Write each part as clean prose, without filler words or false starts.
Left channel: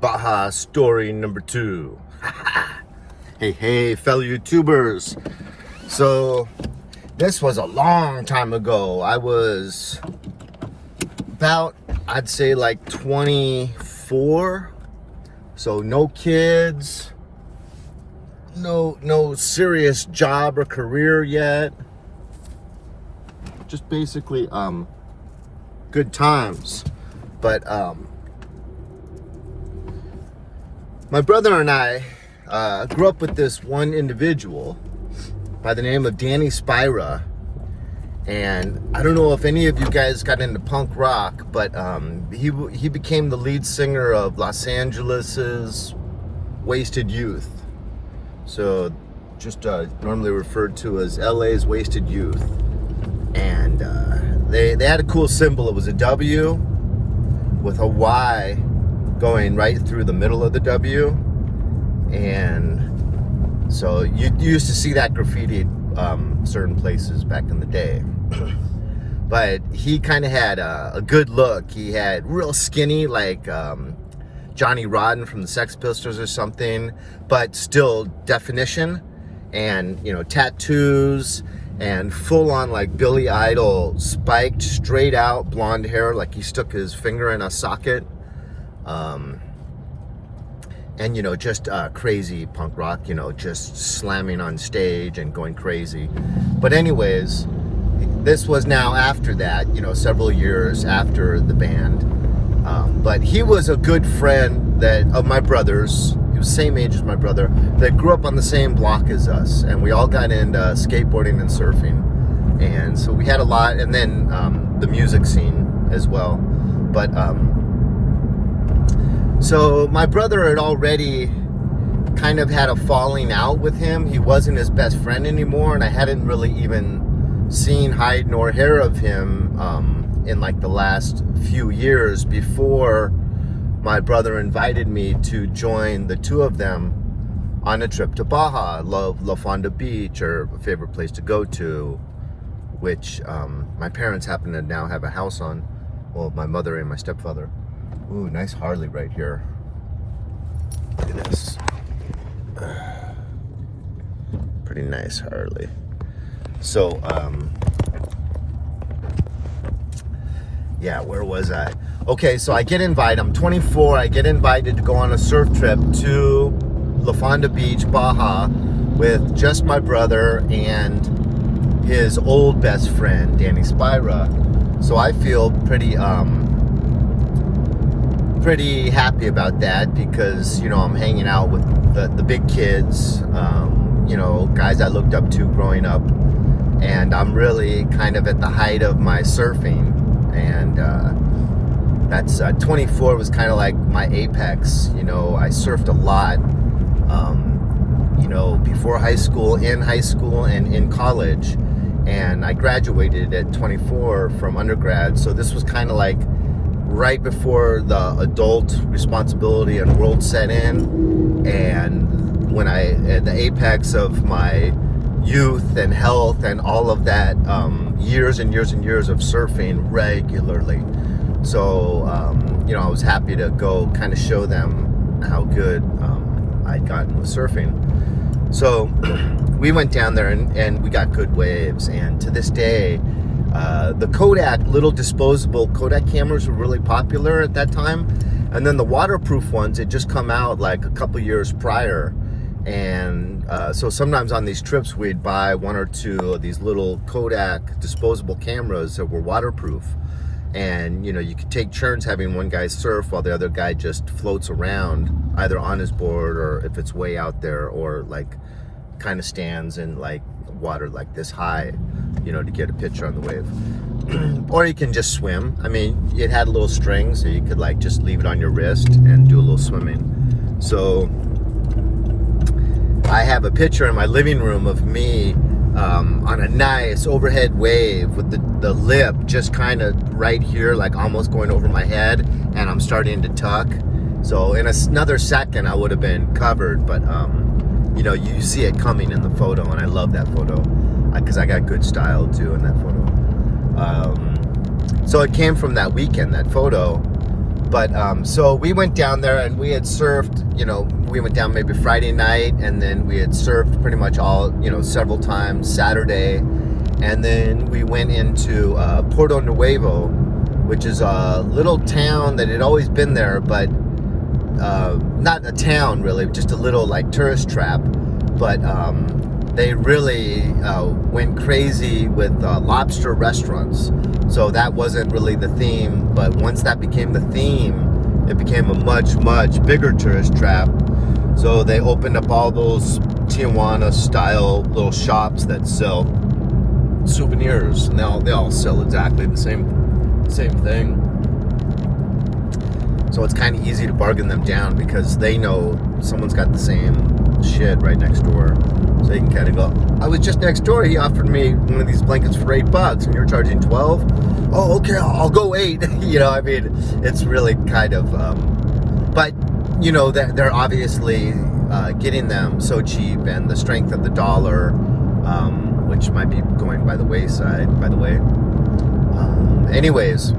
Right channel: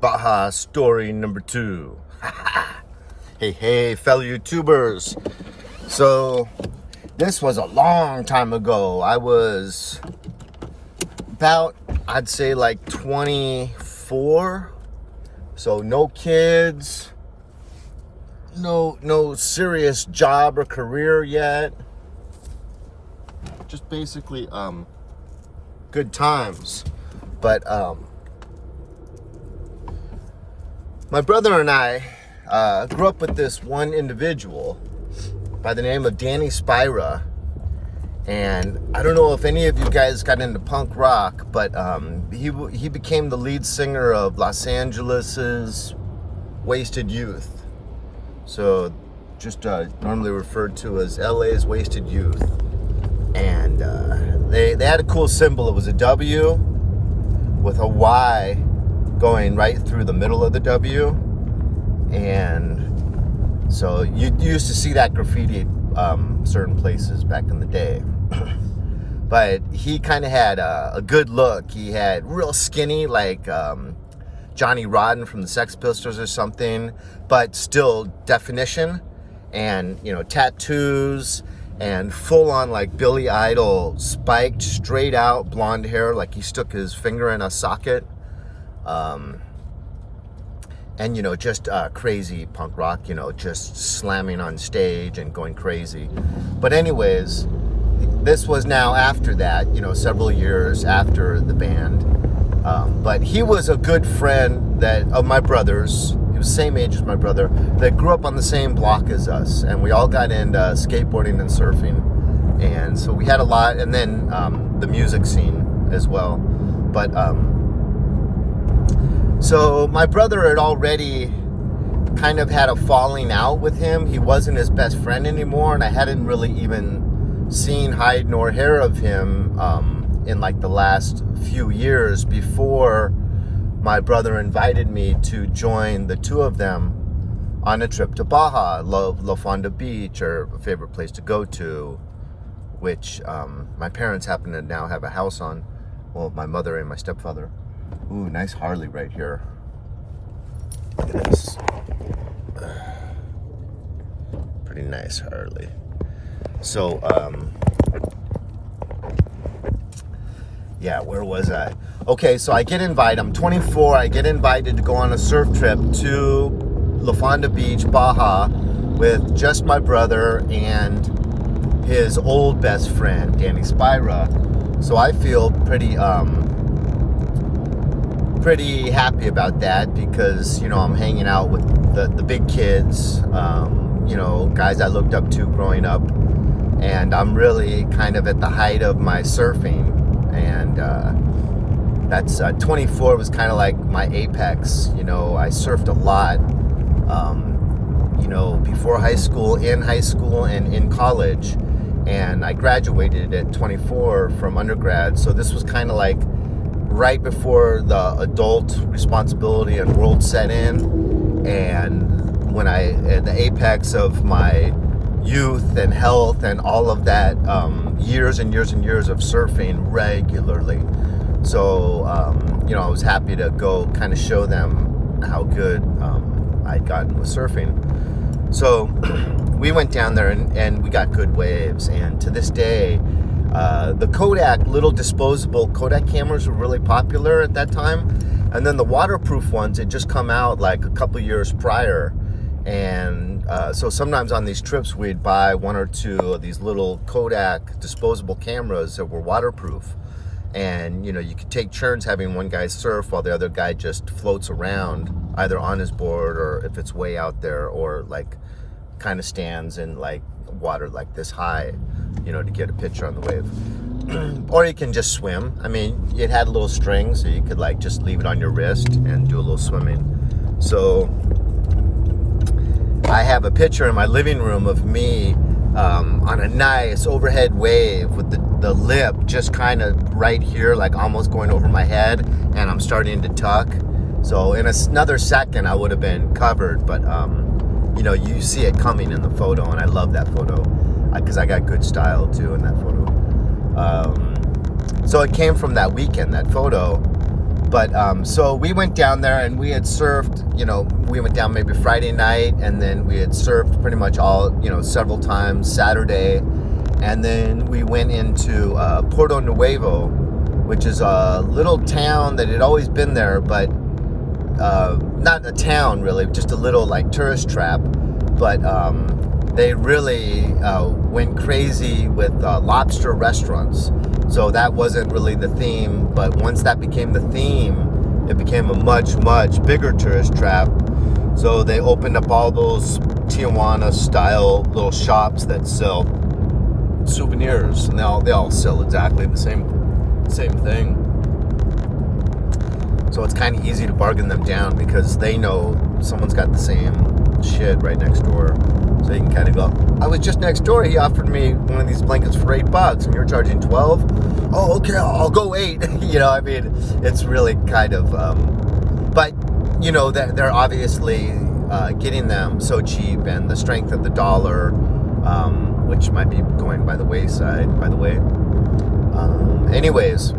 Baja Story number 2. Hey, fellow YouTubers. So, this was a long time ago. I was about, I'd say like 24. So, no kids. No serious job or career yet. Just basically, good times. But, my brother and I grew up with this one individual by the name of Danny Spira. And I don't know if any of you guys got into punk rock, but he became the lead singer of Los Angeles's Wasted Youth. So just normally referred to as LA's Wasted Youth. And they had a cool symbol. It was a W with a Y going right through the middle of the W. And so you used to see that graffitied certain places back in the day. But he kind of had a good look. He had real skinny, like Johnny Rotten from the Sex Pistols or something, but still definition, and tattoos, and full on like Billy Idol spiked straight out blonde hair, like he stuck his finger in a socket. And just crazy punk rock, just slamming on stage and going crazy. But anyways, this was now after that, several years after the band. But he was a good friend of my brother's. He was the same age as my brother, that grew up on the same block as us, and we all got into skateboarding and surfing. And so we had a lot, and then the music scene as well. But so my brother had already kind of had a falling out with him. He wasn't his best friend anymore, and I hadn't really even seen hide nor hair of him in like the last few years before my brother invited me to join the two of them on a trip to Baja. Love La Fonda Beach, or a favorite place to go to, which my parents happen to now have a house on. Well, my mother and my stepfather. Ooh, nice Harley right here. Look at this. Pretty nice Harley. So, yeah, where was I? Okay, so I get invited. I'm 24. I get invited to go on a surf trip to La Fonda Beach, Baja, with just my brother and his old best friend, Danny Spira. So I feel pretty happy about that, because I'm hanging out with the big kids, guys I looked up to growing up, and I'm really kind of at the height of my surfing. And that's 24 was kind of like my apex. I surfed a lot before high school, in high school, and in college. And I graduated at 24 from undergrad, so this was kind of like right before the adult responsibility and world set in, and when I at the apex of my youth and health and all of that, years and years and years of surfing regularly. So I was happy to go kind of show them how good I'd gotten with surfing. So we went down there and we got good waves, and to this day, the Kodak, little disposable Kodak cameras were really popular at that time. And then the waterproof ones had just come out like a couple years prior. And so sometimes on these trips, we'd buy one or two of these little Kodak disposable cameras that were waterproof. And, you could take turns having one guy surf while the other guy just floats around, either on his board, or if it's way out there, or like kind of stands in like water like this high, to get a picture on the wave. Or you can just swim. I mean, it had a little string, so you could like just leave it on your wrist and do a little swimming. So I have a picture in my living room of me on a nice overhead wave with the lip just kind of right here, like almost going over my head, and I'm starting to tuck. So in another second I would have been covered, but you see it coming in the photo, and I love that photo because I got good style too in that photo. So it came from that weekend, that photo. But so we went down there and we had surfed, we went down maybe Friday night, and then we had surfed pretty much all, several times Saturday. And then we went into Porto Nuevo, which is a little town that had always been there, but not a town really, just a little like tourist trap. But they really went crazy with lobster restaurants. So that wasn't really the theme, but once that became the theme, it became a much, much bigger tourist trap. So they opened up all those Tijuana-style little shops that sell souvenirs, and they all sell exactly the same thing. So it's kind of easy to bargain them down because they know someone's got the same shit right next door. So you can kind of go, I was just next door. He offered me one of these blankets for $8, and you're charging 12. Oh, okay, I'll go 8. It's really kind of, but they're obviously getting them so cheap, and the strength of the dollar, which might be going by the wayside, by the way. Anyways,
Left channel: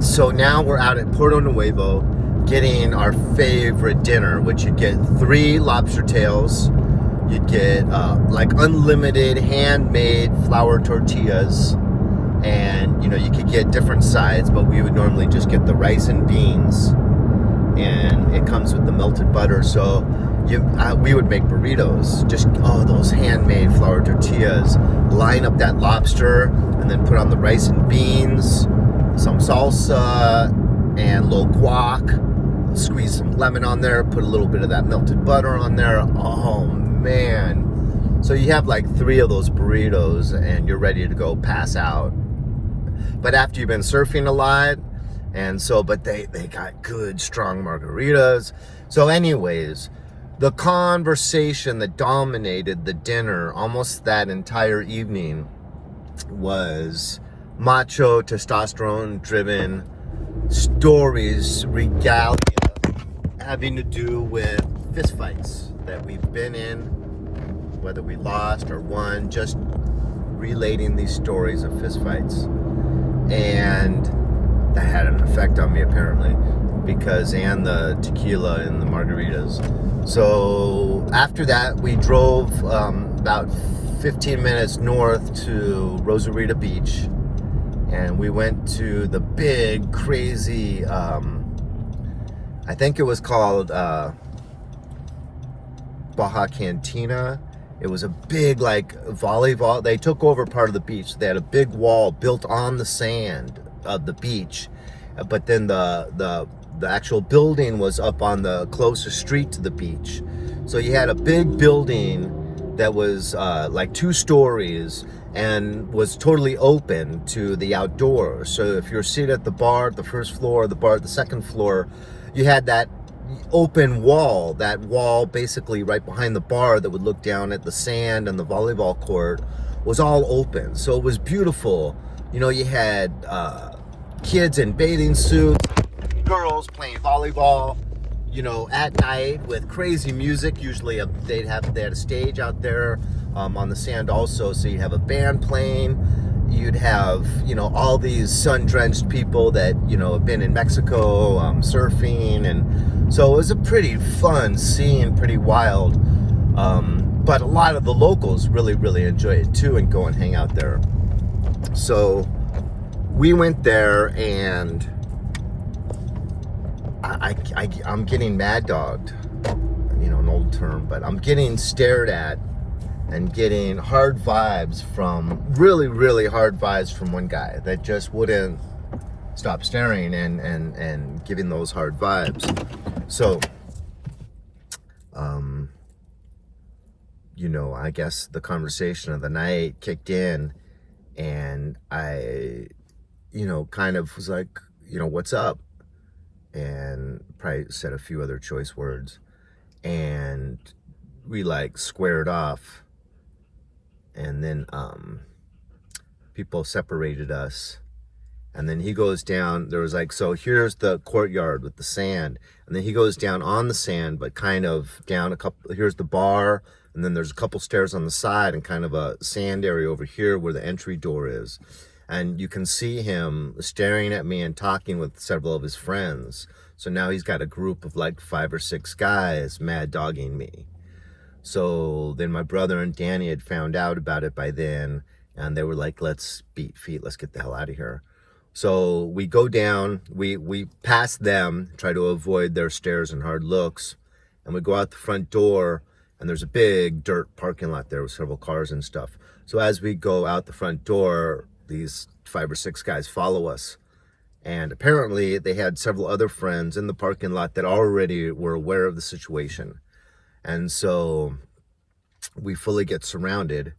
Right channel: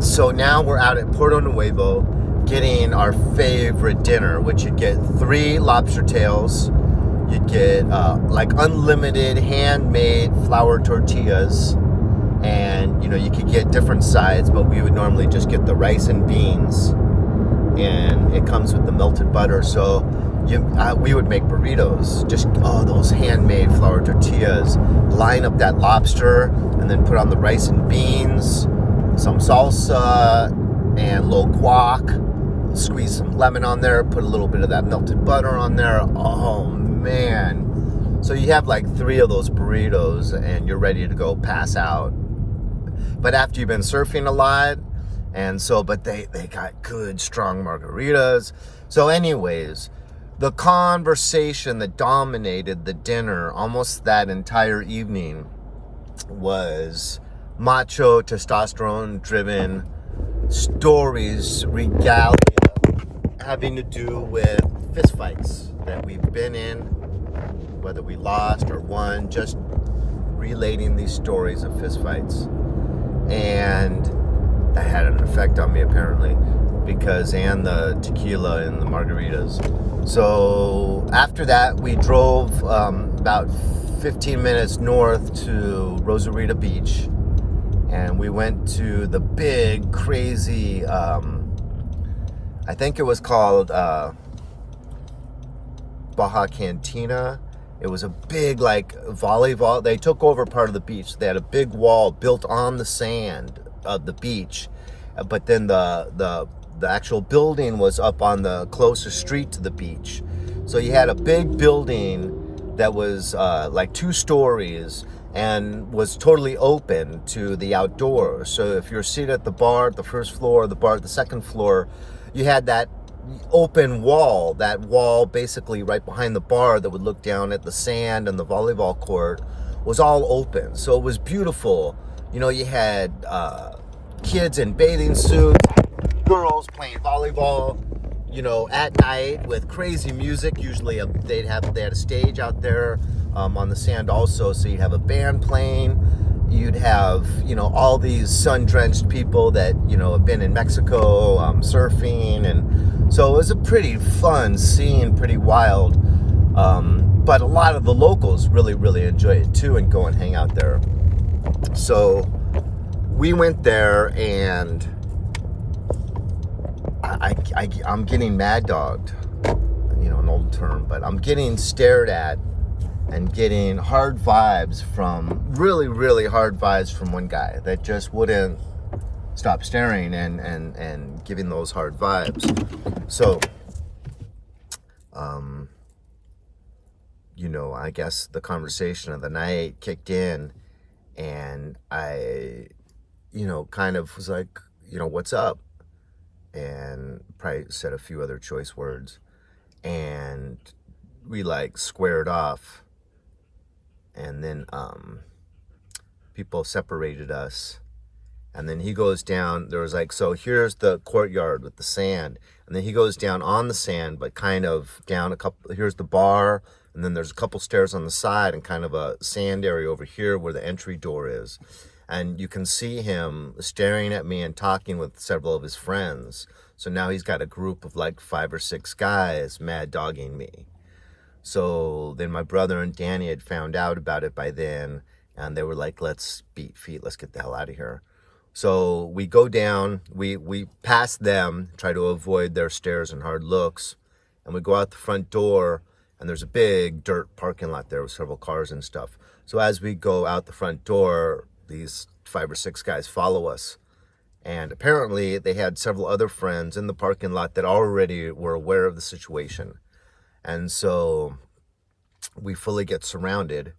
so now we're out at Porto Nuevo getting our favorite dinner, which you'd get 3 lobster tails. You'd get like unlimited handmade flour tortillas, and you could get different sides, but we would normally just get the rice and beans, and it comes with the melted butter. So we would make burritos, just those handmade flour tortillas, line up that lobster, and then put on the rice and beans, some salsa, and a little guac, squeeze some lemon on there, put a little bit of that melted butter on there. Oh man. So you have like 3 of those burritos and you're ready to go pass out. But after you've been surfing a lot, but they got good strong margaritas. So anyways, the conversation that dominated the dinner almost that entire evening was macho, testosterone driven stories, regalia having to do with fistfights that we've been in, whether we lost or won, just relating these stories of fistfights. And that had an effect on me apparently, and the tequila and the margaritas. So after that, we drove about 15 minutes north to Rosarita Beach, and we went to the big, crazy, I think it was called Baja Cantina. It was a big, like, volleyball. They took over part of the beach. They had a big wall built on the sand of the beach, but then the actual building was up on the closest street to the beach. So you had a big building that was like 2 stories and was totally open to the outdoors. So if you're seated at the bar at the first floor, the bar at the second floor, you had that open wall, basically right behind the bar that would look down at the sand, and the volleyball court was all open. So it was beautiful. You had kids in bathing suits, girls playing volleyball, at night with crazy music. Usually they had a stage out there on the sand also, so you'd have a band playing. You'd have, all these sun-drenched people that, have been in Mexico surfing. And so it was a pretty fun scene, pretty wild. But a lot of the locals really, really enjoy it too and go and hang out there. So we went there, and I'm getting mad dogged, an old term, but I'm getting stared at and getting hard vibes really, really hard vibes from one guy that just wouldn't stop staring and giving those hard vibes. So, I guess the conversation of the night kicked in, and I, kind of was like, what's up? And probably said a few other choice words, and we like squared off. And then people separated us, and then he goes down. There was like, so here's the courtyard with the sand, and then he goes down on the sand, but kind of down a couple. Here's the bar, and then there's a couple stairs on the side, and kind of a sand area over here where the entry door is. And you can see him staring at me and talking with several of his friends. So now he's got a group of like 5 or 6 guys mad dogging me. So then my brother and Danny had found out about it by then, and they were like, let's beat feet, let's get the hell out of here. So we go down, we pass them, try to avoid their stares and hard looks, and we go out the front door, and there's a big dirt parking lot there with several cars and stuff. So as we go out the front door, these 5 or 6 guys follow us. And apparently they had several other friends in the parking lot that already were aware of the situation. And so we fully get surrounded,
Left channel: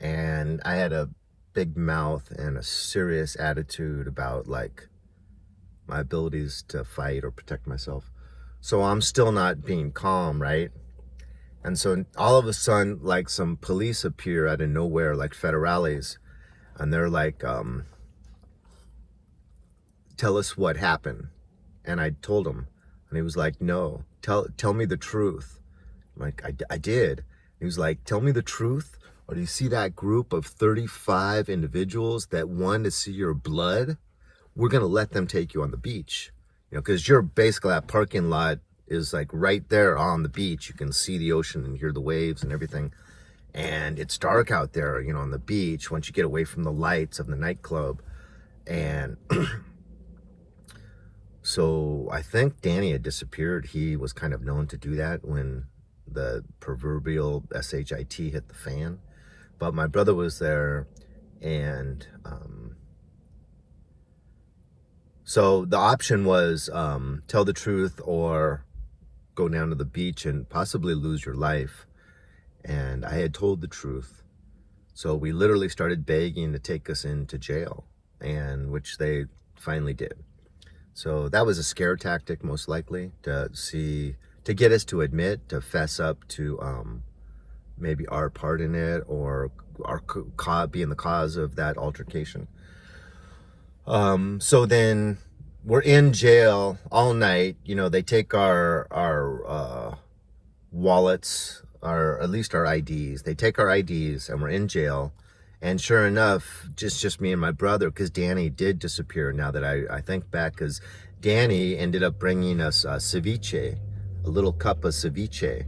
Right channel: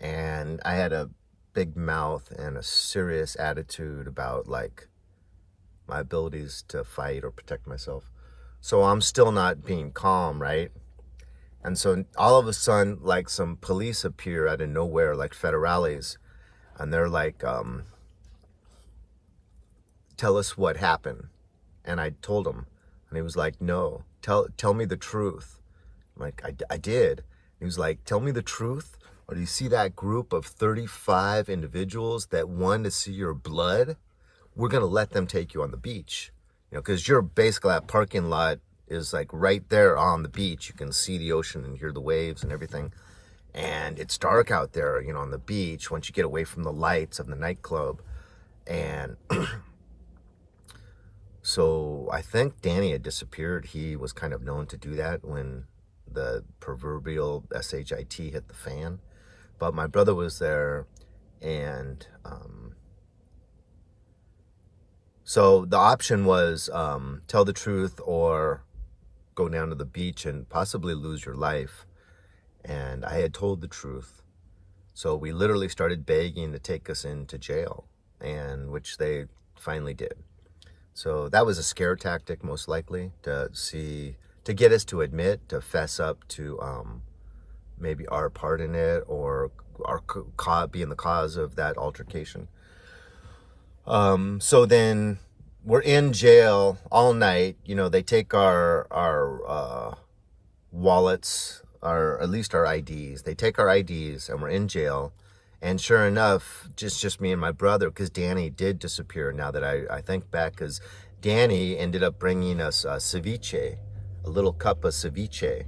and I had a big mouth and a serious attitude about like my abilities to fight or protect myself. So I'm still not being calm, right? And so all of a sudden, like some police appear out of nowhere, like federales, and they're like, tell us what happened. And I told him, and he was like, no, tell me the truth. I'm like, I did. He was like, tell me the truth, or do you see that group of 35 individuals that want to see your blood? We're going to let them take you on the beach. You know, because you're basically, that parking lot is like right there on the beach. You can see the ocean and hear the waves and everything. And it's dark out there, you know, on the beach once you get away from the lights of the nightclub. And so I think Danny had disappeared. He was kind of known to do that when the proverbial SHIT hit the fan. But my brother was there, and so the option was tell the truth or go down to the beach and possibly lose your life. And I had told the truth. So we literally started begging to take us into jail, and which they finally did. So that was a scare tactic, most likely, to get us to admit, to fess up to maybe our part in it, or being the cause of that altercation. So then we're in jail all night. You know, they take our wallets, or at least our IDs. They take our IDs, and we're in jail. And sure enough, just me and my brother, because Danny did disappear, now that I think back, because Danny ended up bringing us ceviche, a little cup of ceviche.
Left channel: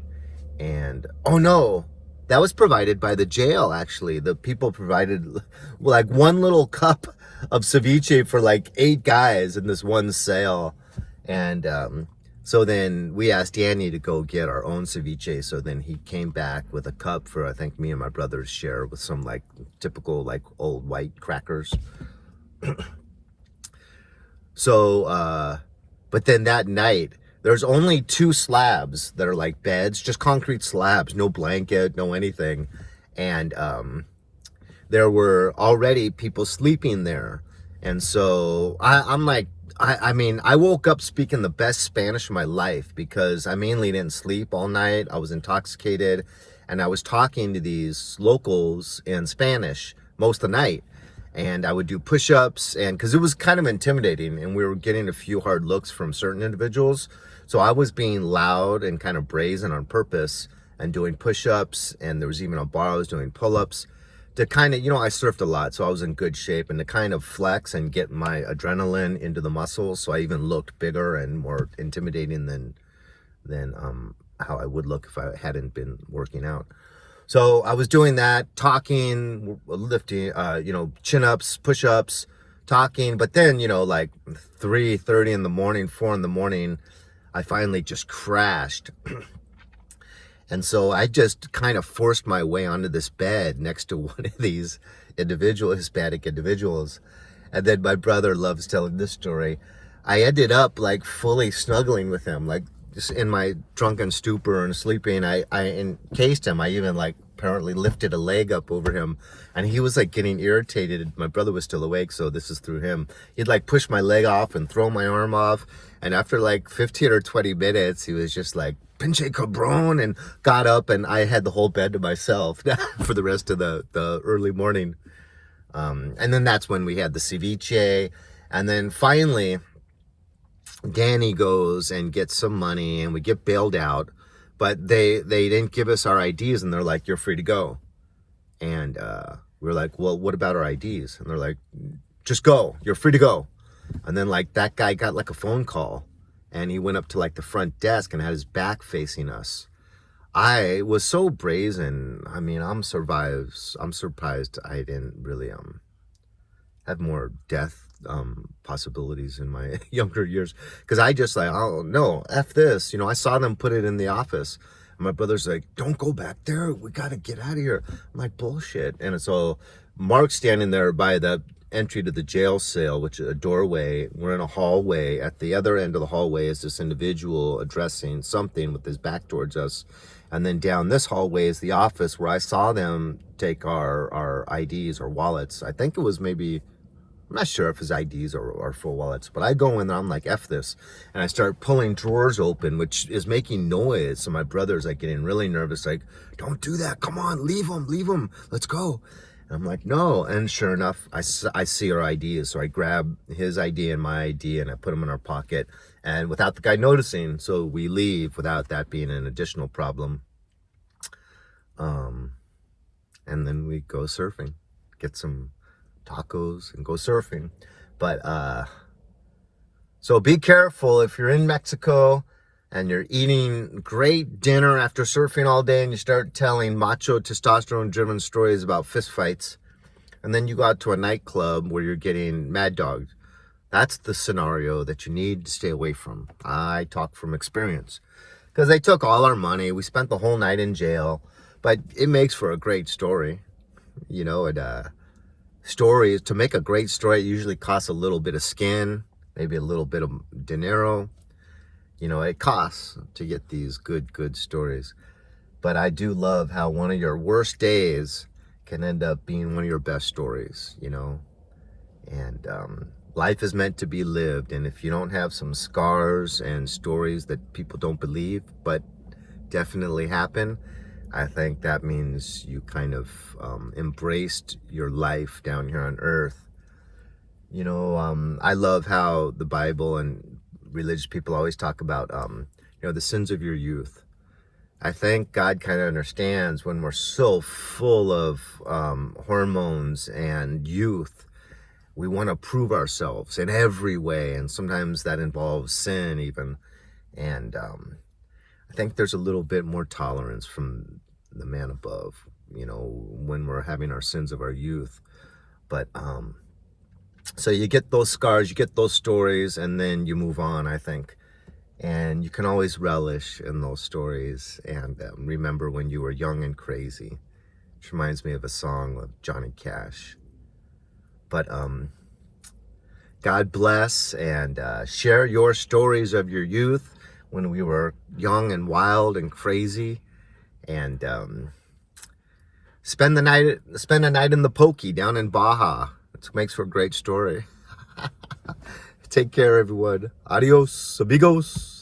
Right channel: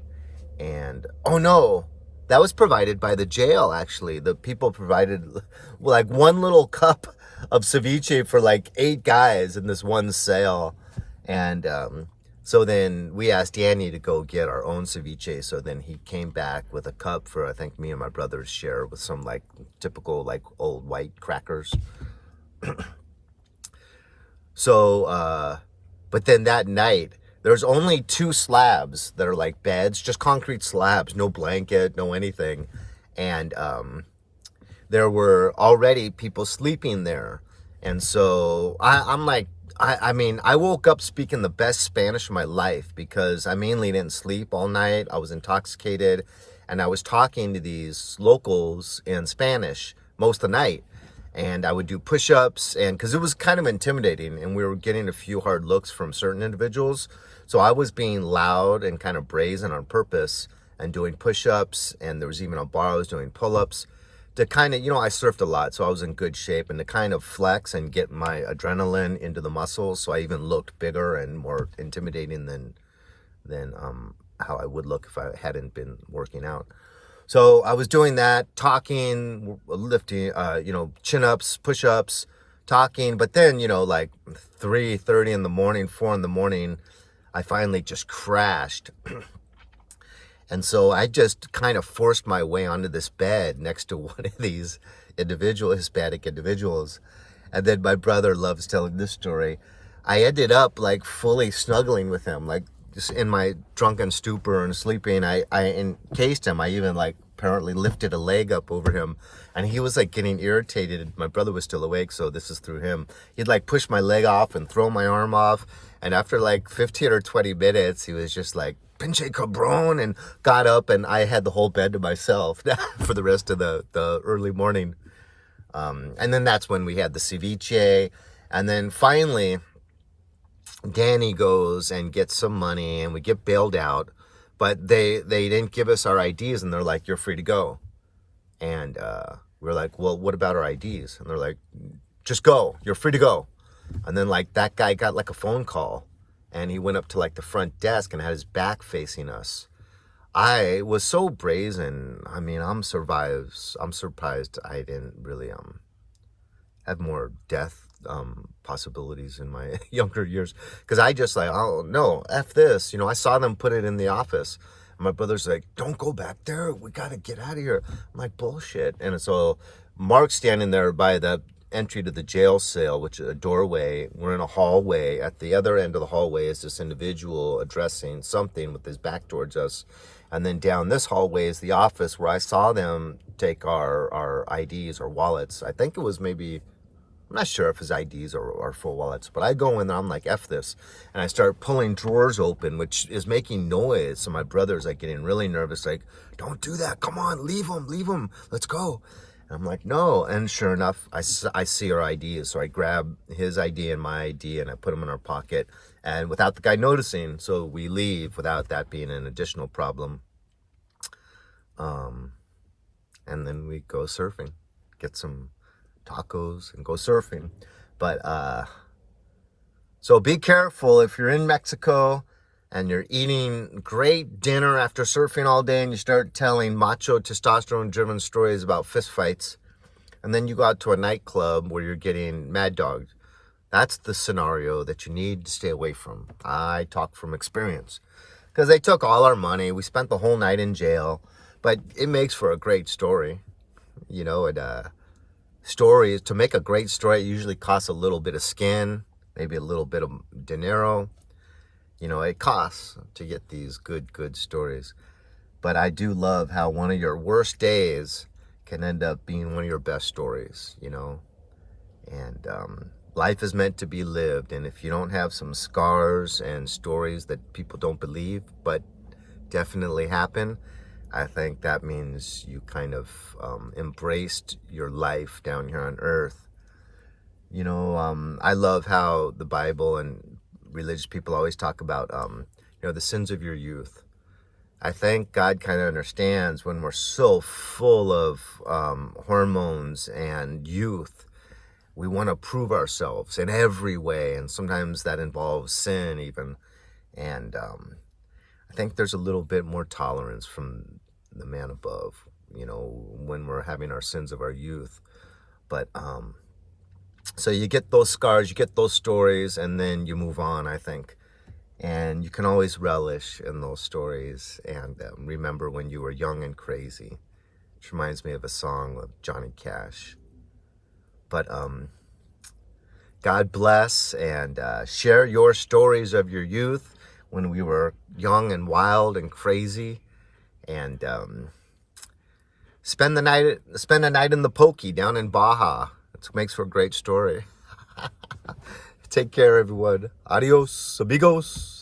And, oh no, that was provided by the jail, actually. The people provided like one little cup of ceviche for like 8 guys in this one sale. And so then we asked Danny to go get our own ceviche. So then he came back with a cup for, I think, me and my brother's share, with some like typical like old white crackers. So, but then that night, there's only 2 slabs that are like beds, just concrete slabs, no blanket, no anything. And there were already people sleeping there. And so I'm like, I mean, I woke up speaking the best Spanish of my life, because I mainly didn't sleep all night. I was intoxicated, and I was talking to these locals in Spanish most of the night. And I would do push-ups, and because it was kind of intimidating, and we were getting a few hard looks from certain individuals. So I was being loud and kind of brazen on purpose and doing push-ups, and there was even a bar I was doing pull-ups to kind of, you know, I surfed a lot, so I was in good shape, and to kind of flex and get my adrenaline into the muscles, so I even looked bigger and more intimidating than how I would look if I hadn't been working out. So I was doing that, talking, lifting, you know, chin-ups, push-ups, talking. But then, you know, like 3:30 in the morning, 4 in the morning, I finally just crashed. And so I just kind of forced my way onto this bed next to one of these Hispanic individuals. And then my brother loves telling this story. I ended up like fully snuggling with him, like just in my drunken stupor and sleeping. I encased him. I even like apparently lifted a leg up over him, and he was like getting irritated. My brother was still awake, so this is through him. He'd like push my leg off and throw my arm off. And after like 15 or 20 minutes, he was just like, pinche cabron, and got up, and I had the whole bed to myself for the rest of the early morning. And then that's when we had the ceviche. And then finally, Danny goes and gets some money, and we get bailed out. But they didn't give us our IDs, and they're like, you're free to go. And We were like, well, what about our IDs? And they're like, just go. You're free to go. And then like that guy got like a phone call and he went up to like the front desk and had his back facing us. I was so brazen. I mean, I'm surprised I didn't really have more death possibilities in my younger years, because I just like, oh no, F this. I saw them put it in the office. And my brother's like, don't go back there. We got to get out of here. I'm like, bullshit. And so Mark's standing there by the entry to the jail cell, which is a doorway. We're in a hallway. At the other end of the hallway is this individual addressing something with his back towards us. And then down this hallway is the office where I saw them take our IDs or wallets. I think it was maybe, I'm not sure if his IDs are full wallets, but I go in there, I'm like, F this. And I start pulling drawers open, which is making noise. So my brother's like getting really nervous, like, don't do that. Come on, leave him. Let's go. And I'm like, no. And sure enough, I see our IDs. So I grab his ID and my ID and I put them in our pocket. And without the guy noticing, so we leave without that being an additional problem. And then we go surfing, get some tacos and go surfing. But so be careful if you're in Mexico and you're eating great dinner after surfing all day and you start telling macho testosterone driven stories about fistfights, and then you go out to a nightclub where you're getting mad dogged. That's the scenario that you need to stay away from. I talk from experience, because they took all our money. We spent the whole night in jail, but it makes for a great story. Stories, to make a great story, it usually costs a little bit of skin, maybe a little bit of dinero. It costs to get these good stories. But I do love how one of your worst days can end up being one of your best stories, And life is meant to be lived. And if you don't have some scars and stories that people don't believe, but definitely happen, I think that means you kind of embraced your life down here on earth. I love how the Bible and religious people always talk about, the sins of your youth. I think God kind of understands when we're so full of hormones and youth. We want to prove ourselves in every way, and sometimes that involves sin even. And I think there's a little bit more tolerance from the man above, when we're having our sins of our youth. But so you get those scars, you get those stories, and then you move on, I think. And you can always relish in those stories and remember when you were young and crazy. Which reminds me of a song of Johnny Cash. But God bless, and share your stories of your youth when we were young and wild and crazy. And spend a night in the Pokey down in Baja. It makes for a great story. Take care, everyone. Adios, amigos.